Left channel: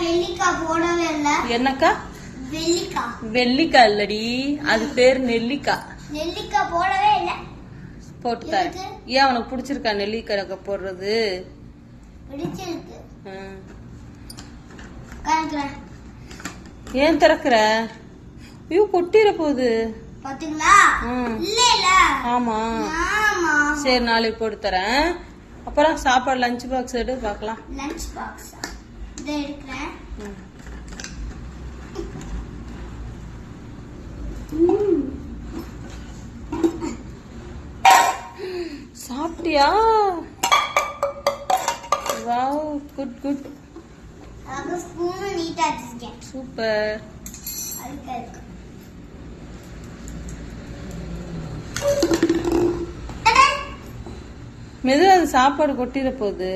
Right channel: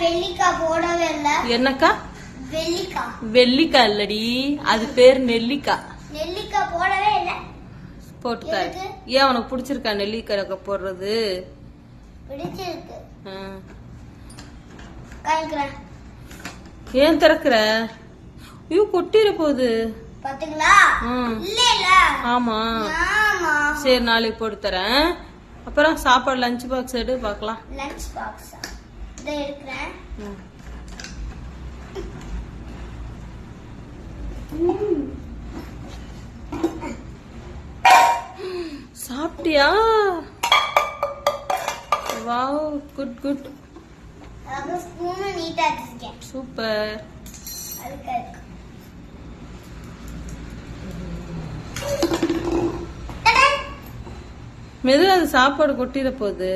வெள்ளிக்காய் போடவே இல்ல. என்னக்கா? வெள்ளிக்காய். வெள்ளிக்காய் இல்லடி, அது பேரு நெல்லிக்காய். நெல்லிக்காய் போடவே இல்ல. போட்டுக்காரு. ஏன் உனக்கு பிடிச்சிருக்கா நெல்லிக்காய் போடுறது? பிடிச்சிருக்கு. ஏன் திறக்கிற? ஐயோ கொட்டிட போகுது பாத்தீங்களா? இல்ல இல்ல. ஆமா. சரி நாளைக்கு போட்டு தரேன். அப்புறம் சாப்பாடு லஞ்ச் பாக்ஸ் எடு பார்க்கலாம். லஞ்ச் பாக்ஸ் இதை எடுக்கிறேன். சாப்பிட்டியா? Wow, good good. அங்க ஸ்பூன் நீட்டா வச்சிருக்கேன். சூப்பர். அழுக்கா இருக்கு. மெதுவா அது சாப்பாடு கொட்டிட போகுது.